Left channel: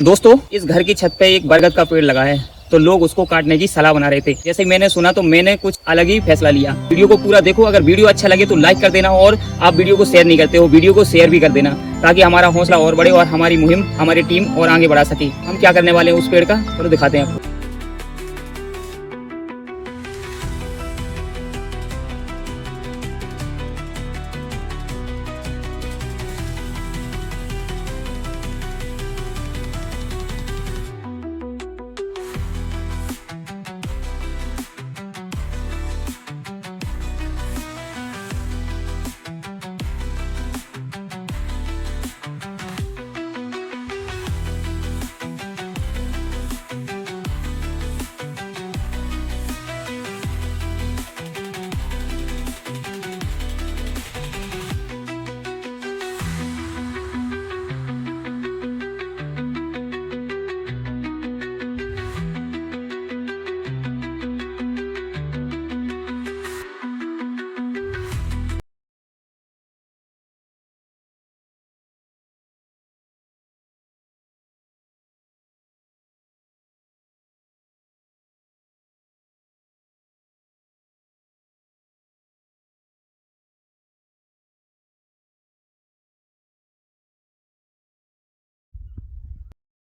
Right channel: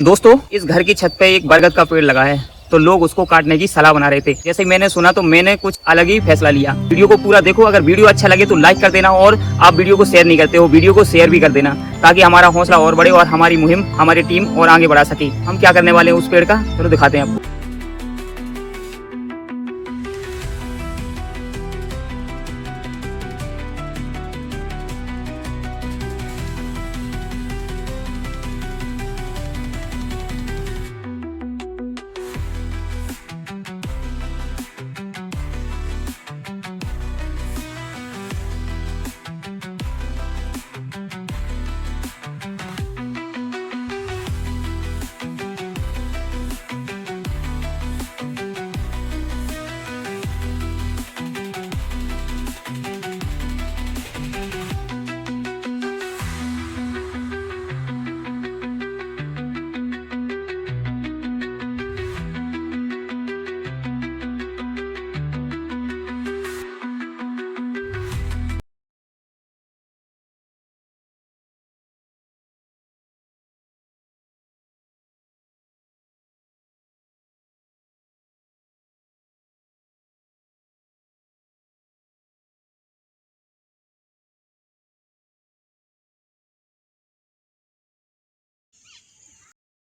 दोस्तों, इस घर की छत पे एक बरगद का पेड़ लगा है, तो लोग उसको काटने की सलाह बना रहे थे। जैसे मैंने सुना तो मैंने कुछ अलग ही फैसला लिया। वीडियो को पूरा देखो, अगर वीडियो अच्छा लगे तो लाइक कर देना, और आप वीडियो को शेयर नहीं करते हो, वीडियो को शेयर भी कर देना, ताकि हमारा हौसला और बढ़े और हमारी मुहिम, हमारी टीम और आगे बढ़ा सके। हम क्या करने वाले हैं उस पेड़ का, चलो दिखाते हैं आपको।